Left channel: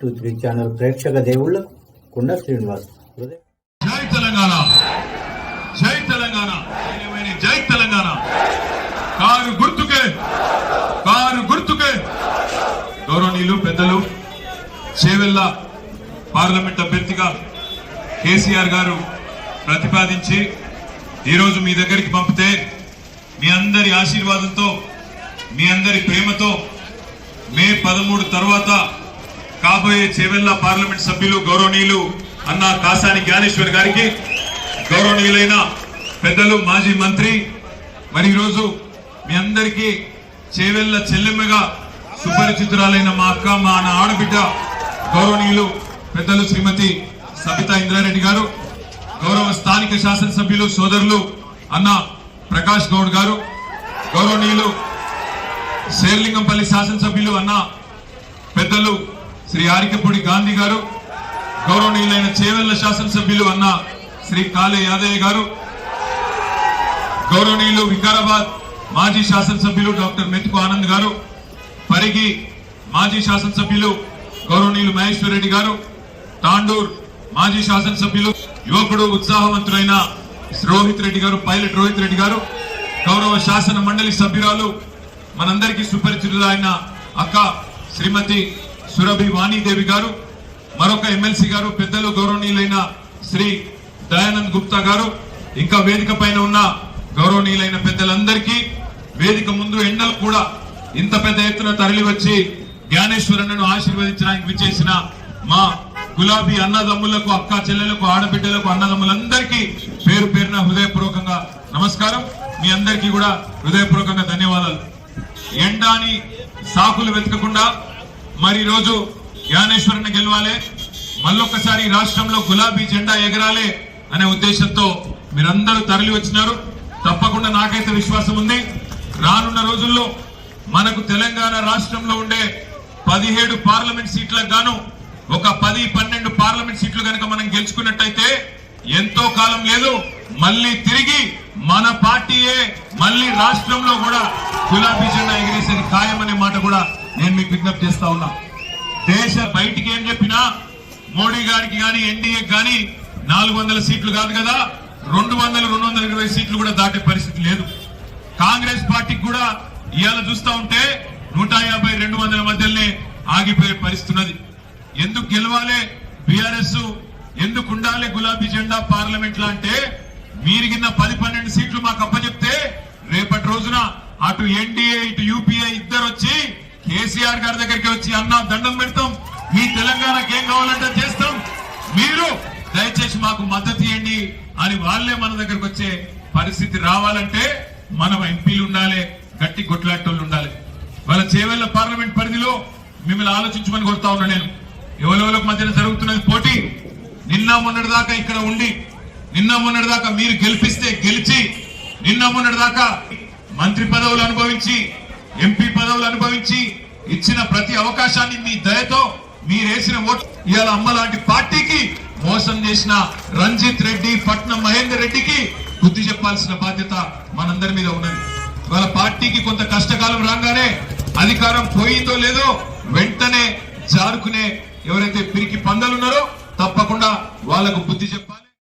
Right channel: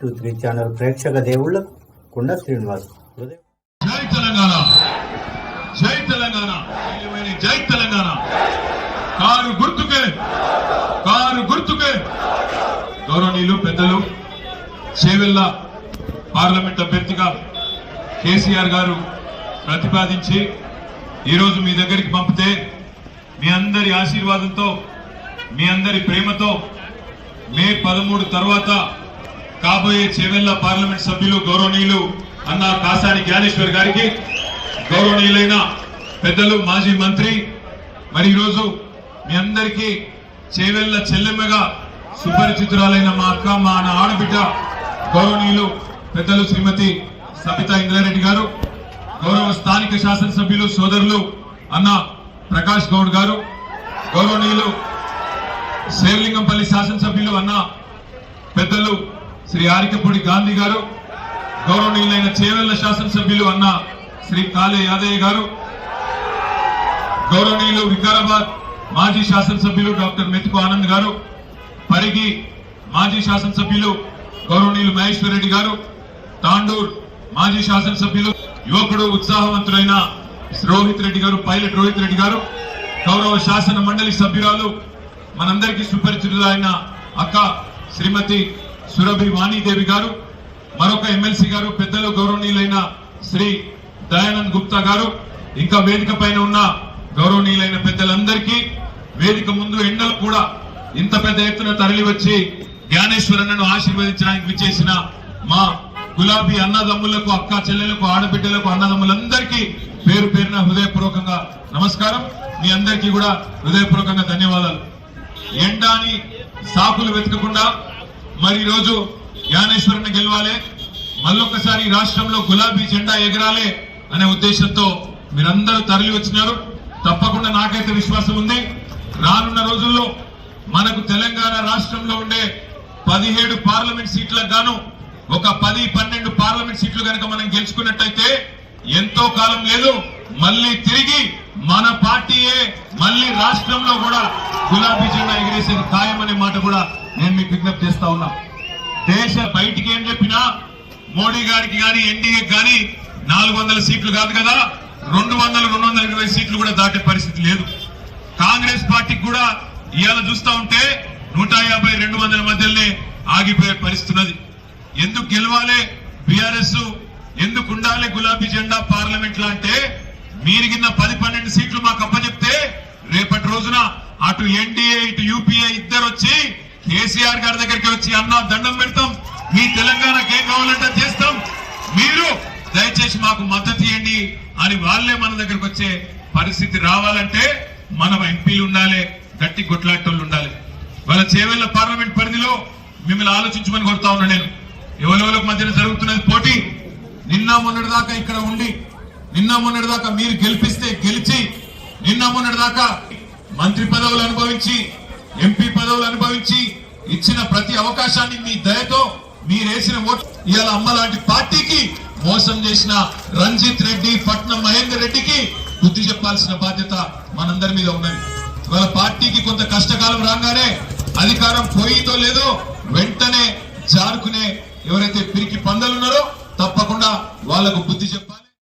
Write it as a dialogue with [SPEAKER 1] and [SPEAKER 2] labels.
[SPEAKER 1] Three channel ప్రేక్షక దేవుళ్ళకు కుండ శ్రీనివాస్
[SPEAKER 2] జై తెలంగాణ. జై తెలంగాణ. జై తెలంగాణ. కారు గుర్తుకే కారు గుర్తుకే. గౌరవనీయులు పెద్దలు చేవెళ్ళ పార్లమెంట్ అభ్యర్థిగా కేసీఆర్ గారు ప్రతిపాదించి ఈరోజు మీ దగ్గరికి పంపితే మీ అందరి ఆశీర్వాదంతో మీ అందరి ప్రేమతో మే పదమూడు తర్వాత కాబోయే చేవెళ్ళ పార్లమెంట్ సభ్యులు గౌరవనీయులు అన్న కాసాని జ్ఞానేశ్వర్ గారికి గౌరవనీయులైన పెద్దలు మాజీ మంత్రి మరి ఈరోజు మీ అందరికీ చేవెళ్ళ చెల్లెమ్మగా సుపరిచితురాలైన మా అక్క మా నా ఆడబిడ్డ గౌరవనీయులు పెద్దలు శ్రీమతి సబితా ఇంద్రారెడ్డి గారు గౌరవ స్థానిక శాసనసభ్యులు సోదరులు అన్న ప్రకాష్ గౌడ్ గారు గౌరవనీయులు శేర్లింగంపల్లి శాసనసభ్యులు అన్న పెద్దలు శ్రీ ఆరికపూడి గాంధీ గారు గౌరవనీయులైన చేవెళ్ళ శాసనసభ్యులు అన్న శ్రీ కాళే యాదయ్య గారు గౌరవనీయులు వికారాబాద్ మాజీ శాసనసభ్యులు డాక్టర్ మెతుకు ఆనంద్ గారు పరిగి మాజీ శాసనసభ్యులు గౌరవనీయులు మహేశ్వర్ రెడ్డి గారు తాండూర్ మాజీ శాసనసభ్యులు యువకుడు ఉత్సాహవంతుడైన రోహిత్ రెడ్డి గారు పైలట్ రోహిత్ రెడ్డి గారు గౌరవ శాసన మండలి సభ్యురాలు మనందరికీ సుపరిచితులైన అక్క శ్రీమతి సురభి వాణీదేవి గారు మరొక ఎమ్మెల్సీ గారు పెద్దలు గౌరవనీయులైన శ్రీ దయానంద్ గుప్తా గారు ఇంకా వేదిక పైన ఉన్న గౌరవనీయులైన పెద్దలందరికీ వేదిక ముందు ఎండలు కూడా ఇంత పెద్ద ఎత్తున తరలి వచ్చి జ్ఞానేశ్వరులను ఆశీర్వదించడానికి విచ్చేసిన మా గులాబీ అన్నదమ్ములకు అక్క చెల్లెలకు ఆడబిడ్డలకు అన్నదమ్ములందరికీ పేరు పేరున హృదయపూర్వకంగా నమస్కారం. మీ అందరికీ కూడా హృదయపూర్వకంగా ధన్యవాదాలు. ఎండాని సాకులు వెతకకుండా మరి రోజు జ్ఞానేశ్వరన్న గెలవాలి. మళ్ళొకసారి రాష్ట్రంలో గులాబీ జెండా ఎగరాలి అనే ఉద్దేశంతో మీరందరూ తరలి వచ్చినారు. తప్పకుండా నాకైతే విశ్వాసం ఉంది. రానున్న రోజుల్లో మనకు తెలంగాణ రాష్ట్రంలో ఉండే పదిహేడు పార్లమెంట్ సీట్లకు గాను ఒక పది పన్నెండు పార్లమెంట్ సీట్లు కనుక మనం గెలుచుకున్నట్టయితే ఎంతో కాలం లేదు. మళ్ళీ తిరిగి మన పార్టీయే మళ్ళీ రాష్ట్రంలో కూడా గులాబీ జెండా ఎగిరేసేది ఖాయం మాట కూడా నేను మీకు విజ్ఞప్తి చేస్తా ఉన్నా. దేశ బయటికి ఏం చెప్పినా మోడీ గారికి కానీ ఎన్డీఏ కానీ నాలుగు వందల సీట్లు కాదు కదా రెండు వందల రెండు వందల ఇరవై సీట్లు కూడా దాటే పరిస్థితి లేదు. కాంగ్రెస్ పార్టీకి కూడా ఇవాళ చూస్తా ఉంటే నూట యాభై రెండు వందల మధ్యలోనే ఆగిపోయే పరిస్థితి ఉన్నది. ఎందుకు గెలవాలి బీఆర్ఎస్? ఎందుకు ఉండాలి గులాబీ జెండా పార్లమెంట్లో అంటే? మీరు కింద పది పన్నెండు సీట్లు మాకు అప్పచెప్తే రేపటి రోజున అటు ఎన్డీఏ ఇటు కేసీఆర్ గారి దగ్గరికి వచ్చి అన్న దండం పెడతాం. మీ తెలంగాణకి ఏం కావాలంటే చేస్తాం. మీరు దయచేసి మాకు మద్దతు ఇవ్వండి అని వాళ్ళే మన దగ్గరకు వచ్చే పరిస్థితి రావాలంటే మనం ఎంపీలు ఉండాలి గట్టి కొట్లాటోళ్ళు ఉండాలి. వాళ్ళ చేవెళ్ళ పార్లమెంట్ పరిధిలో మిమ్మల్ని ఆలోచించమని కొడతా ఉన్నా నేను. ఎవరెవరికి మధ్యన జరుగుతున్నది పోటీ. నిన్న మొన్నటి దాకా ఇక్కడ ఉండి నిన్న మొన్నటి దాకా మీరు గెలిపిస్తే గెలిచి నిన్న మొన్నటి దాకా మంత్రి పదవులు అనుభవించి ఎంపీ పదవులు అనుభవించి ఇచ్చిన ప్రతి అవకాశాన్ని మీ దయతో మీరేసిన ఓటు ఇవాళ అమ్మ లాంటి పార్టీకి మోసం చేసిన రంజిత్ రెడ్డి పట్నం మహేందర్ రెడ్డికి బుద్ధి చెప్పాల్సిన బాధ్యత మనందరి మీద ఉన్నది. వాళ్ళ పార్టీకి కొంత కష్టకాలం రాగానే అధికారం పోయిందో లేదో వెంటనే జారుకునే ఎవరైతే పిరికి పందలున్నారో తప్పకుండా వాళ్ళకు బుద్ధి చెప్పాలి.